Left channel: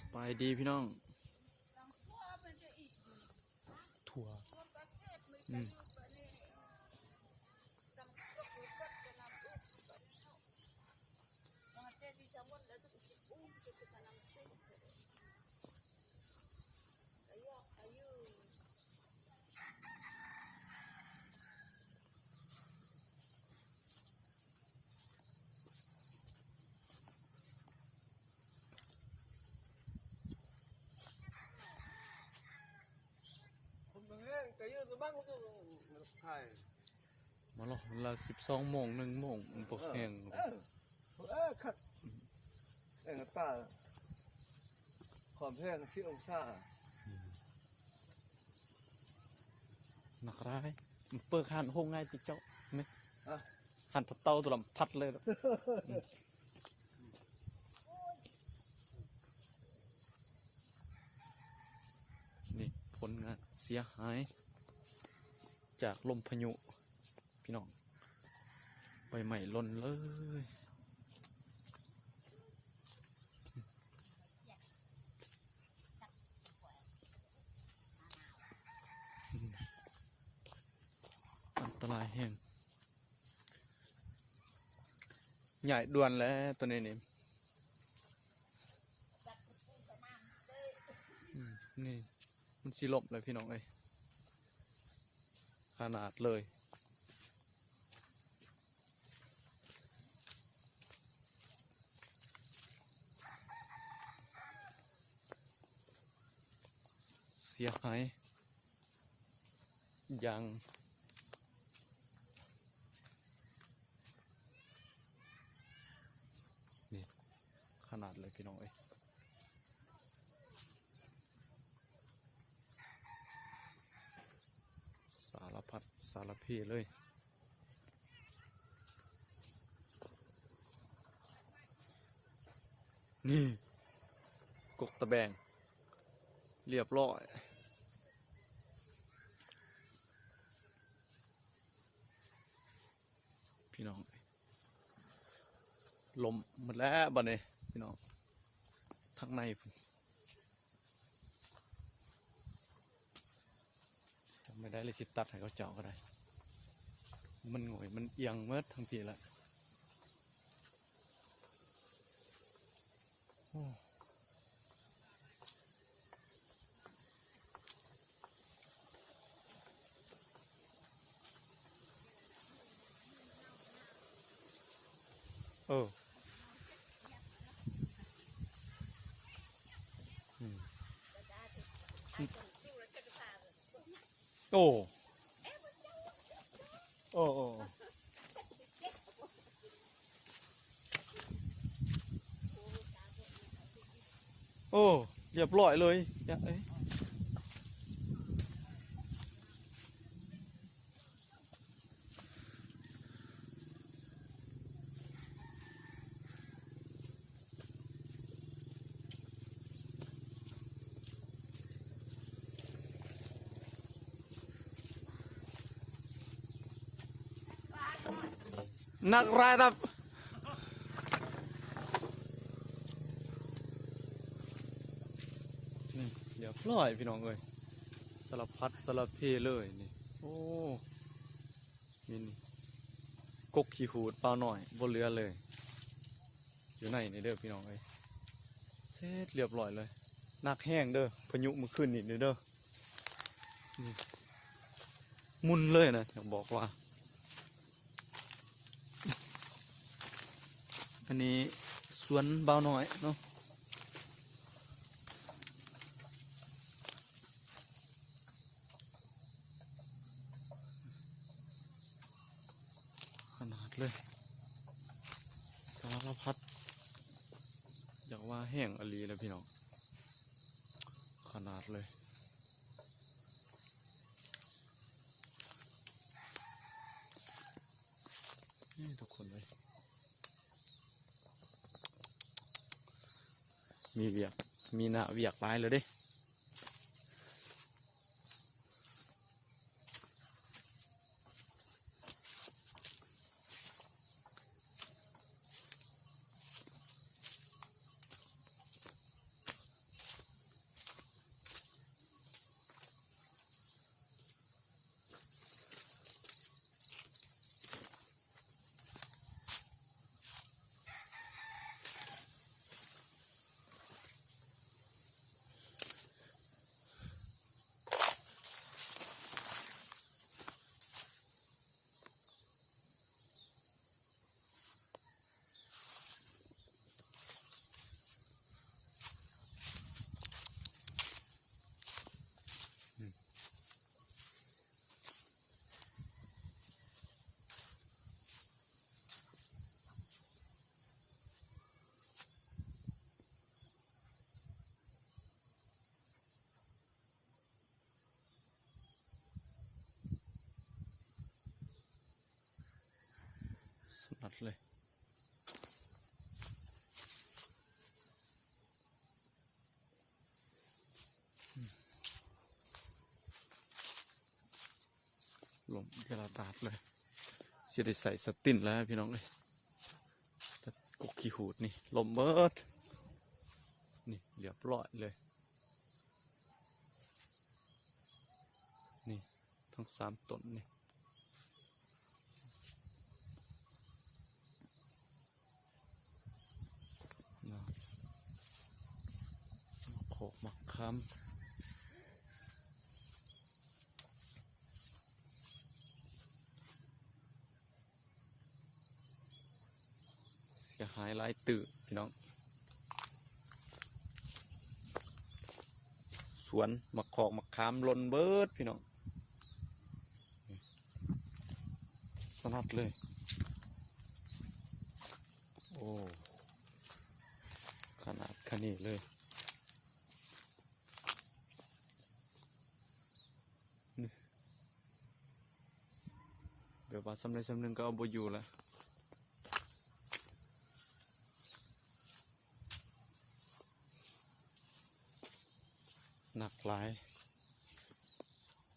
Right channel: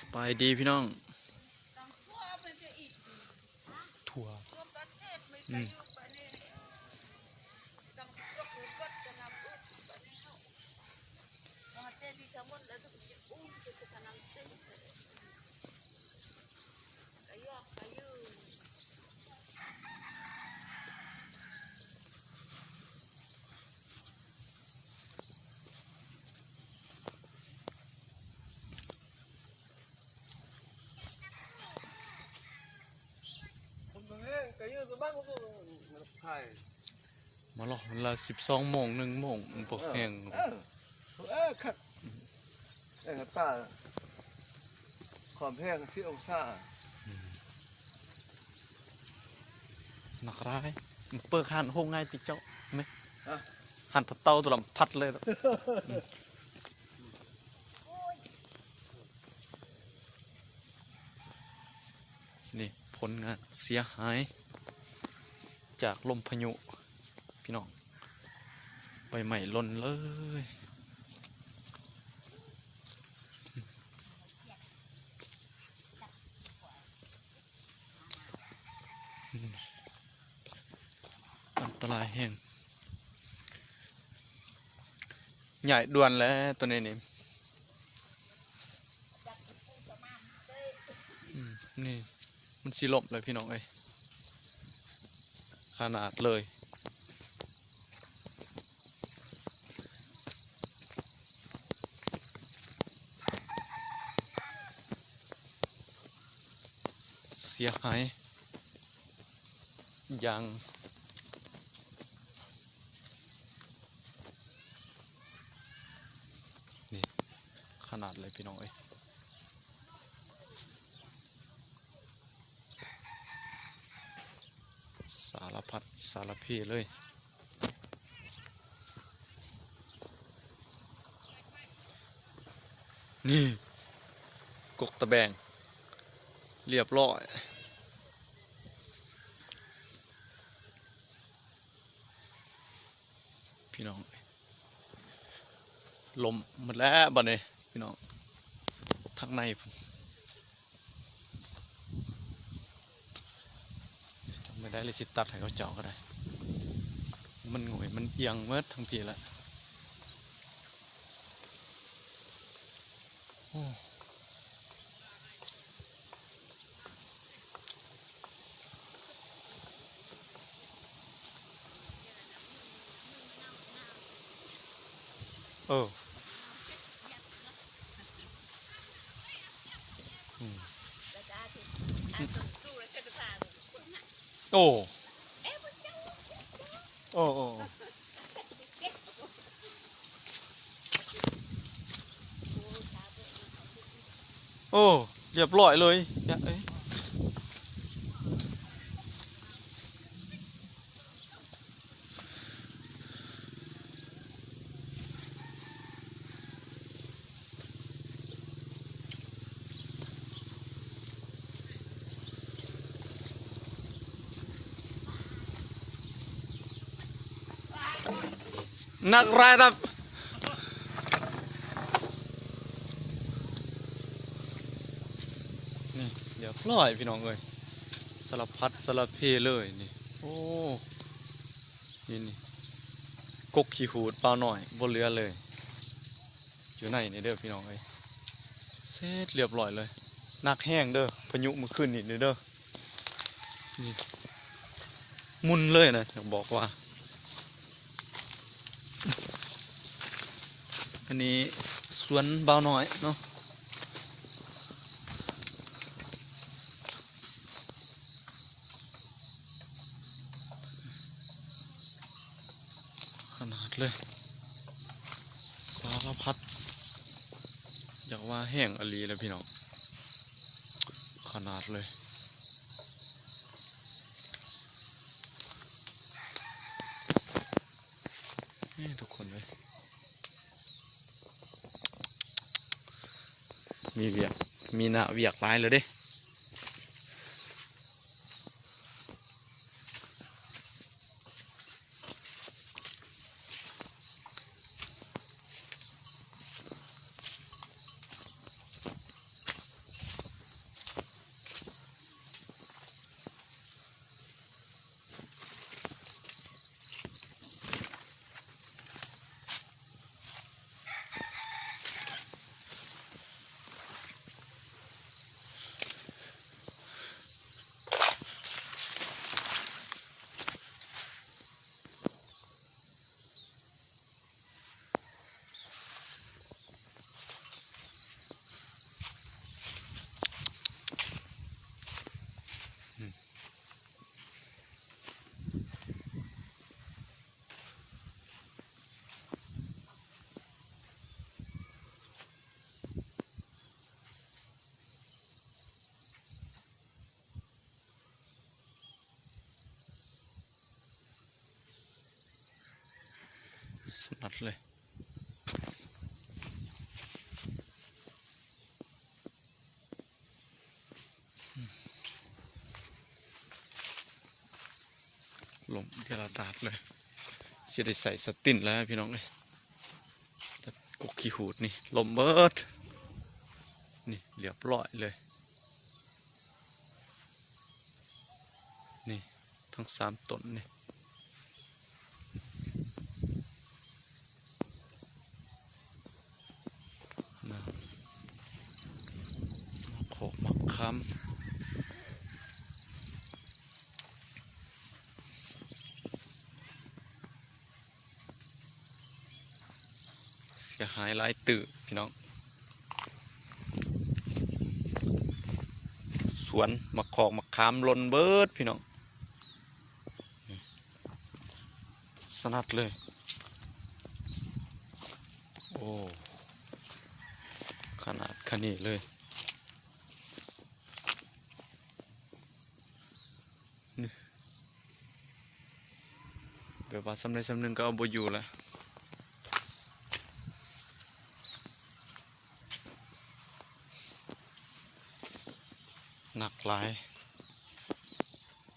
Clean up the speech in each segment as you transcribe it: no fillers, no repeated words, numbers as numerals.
สบายดีพี่น้องถั่วอืมมาหรอเวลา12 โมง1 โมงมันปกแห้งครับป่าความแห้งที่องศาหนักร้ายมันเปิดหันห้องง่ายติเจ้าไหมหันเตาตัวลำพัดเลยนี่ผลงานเสียหายจากลมพายุพี่น้องใบใหม่ล่นเลยอันตรายแห้งใหญ่ด่วนแล้วตัวนี้นี่นี่มันสิลบเลยพี่น้องเอ้ยขนาดเลยเสียหายอย่างนี่ขนาดเลยพี่น้องเอ้ยสารพัดสารเพเลยนี่กกตะแบงเรียบร้อยพี่น้องลมหมดแล้วบัดนี้พี่น้องทางในไม่ได้เลยสิตัดให้เขาเจาะก็ได้มันหงอยมันเอียงเมื่อทั้งทีแล้วโอ้โอ้โอ้โอ้โอ้เรียบร้อยเลยเนี่ยเอ้ยนักรายรับนี่เดี๋ยวปล่อยพี่น้องเลยสารพัดสารเพเลยนี่โอ้นี่กกขี้หูดเปล่าหน่อยบนเรือเลยอยู่ไหนนี่เด้อพี่น้องเลยเสร็จเรียบร้อยเลยนักแห้งเด้อพายุเมื่อคืนนี่เด้อนี่มุนเลยนะอยากบอกว่าอันนี้สวนเบาหน่อยเนาะขนาดเลยสารพัดอยากว่าแห้งอลีเลยพี่น้องขนาดเลยนี่ทุกคนเลยมีเวียกมีหน้าเวียกหลายเลยเด้ มเดียร์ดาดเลยสิได้ใส่สตินแล้วพี่น้องเลยกกขี้หูดนี่ลมเบิดนี่เรียบร้อยเลยนี่ทั้ง3 ต้นนี่นะขอบมะขามเสียหายหลายตื่พี่น้องสวนมะขอกมะขามหล่นเบิดพี่น้องสนัดเลยโอ้ขนาดขนาดเลยนี่เดี๋ยวว่าสำเร็จสำนึงก็เอาบ่อยู่แล้วหนักหลาย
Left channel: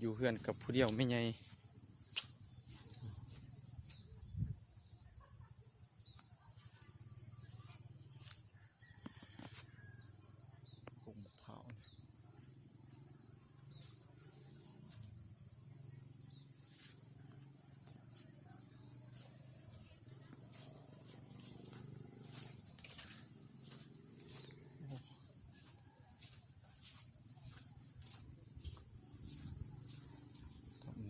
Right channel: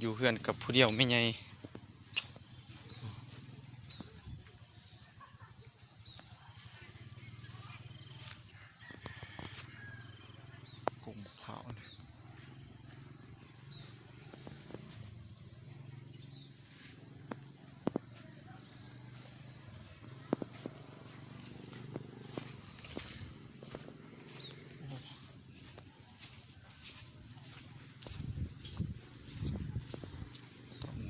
อยู่เพื่อนกับผู้เดียวไม่ไงกุ้งเผาเนี่ย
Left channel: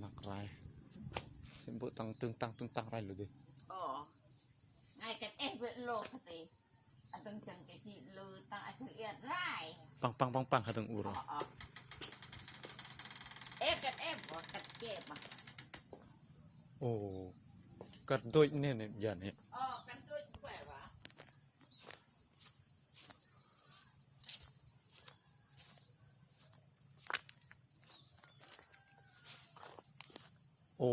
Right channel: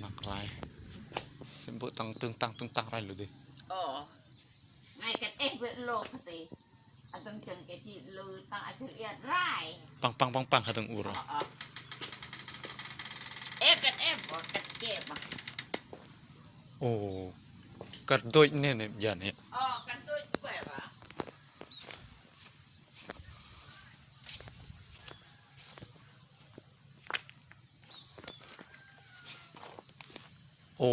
หนักหลายเส้นบุตังตึงตังอะไรหรือดิ Ồ, ngay cái em vẫn lột thì ở trong trường cái chị lùi tăng ở thực hiện rai. ปังหาถึงอู่หรอ Em cái em có cái kia mà. โอ้กระโดดเนี่ยอย่าเนี่ย Cái tôi khỏe mà. โอ้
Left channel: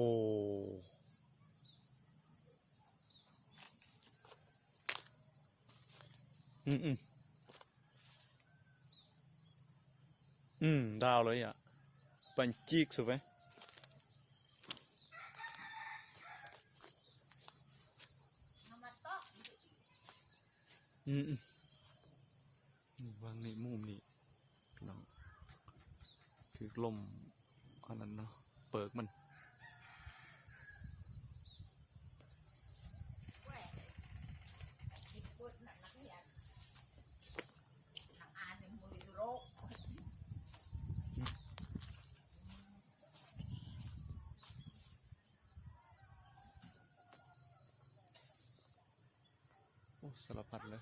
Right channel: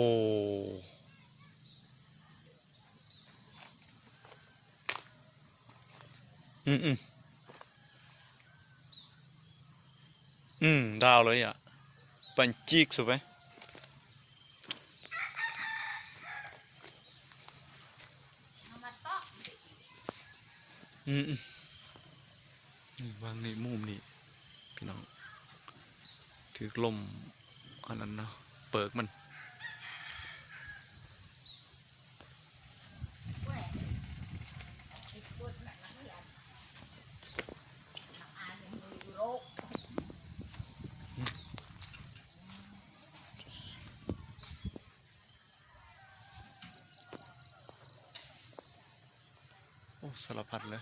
ดาวเลยอ่ะปันจิกสุดไหมนี่วางในมุมนี่พี่น้องถือลมอันนั้นเนาะเปิกมันโอ้สารพัดเลย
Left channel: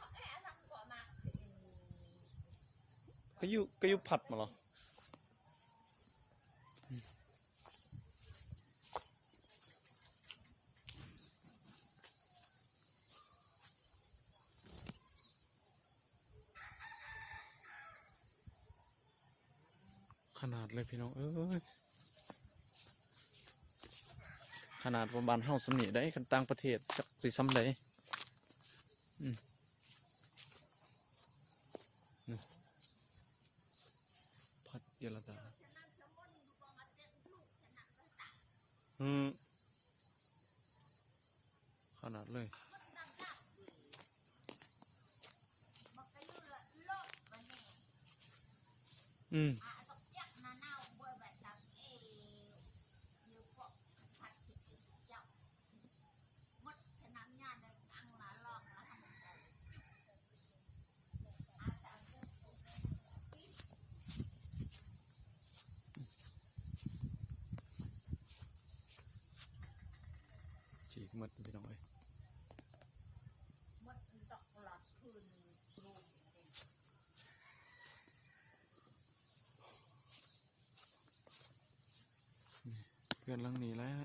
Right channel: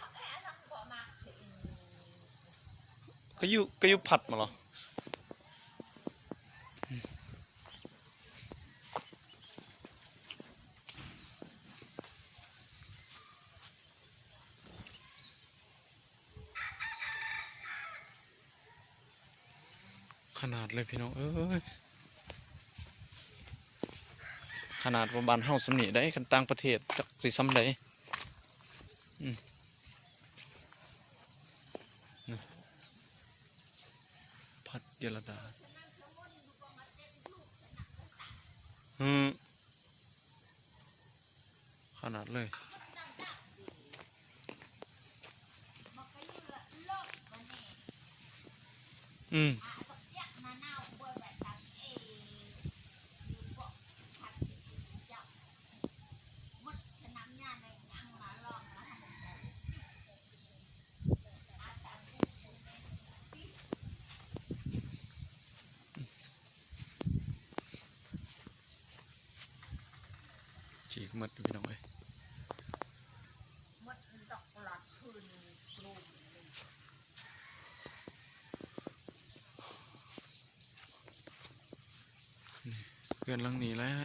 ก็ยุผัดมาเหรอขนาดเลยพี่น้องเอ้ยขนาดว่าบ้านเฮาสำนีได้กันต่างประเทศจักสิซ้ำได้พัดเยลดาขนาดเลยจีกมัดพี่น้องเอ้ยเพื่อนหลังนี้แล้ว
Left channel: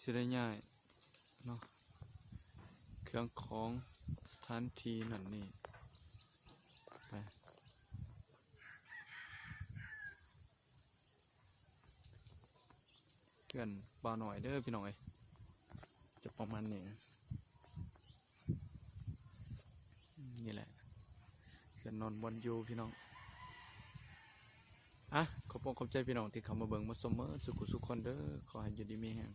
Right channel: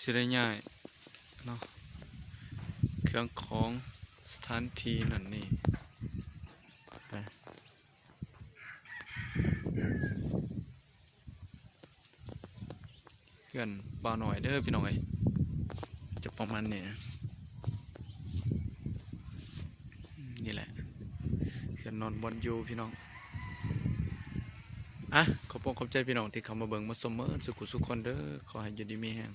สิได้ง่ายเนาะเครื่องของสถานที่นั่นนี่เพื่อนบ่าวหน่อยเด้อพี่น้องเอ้ยจะประมาณนี้นี่แหละเพื่อนนอนบนอยู่พี่น้อง อ่ะขอบคุณขอบใจพี่น้องที่เข้ามาเบิ่งมาชมเมื่อสุขสุขคนเด้อขอให้อยู่ดีมีแรง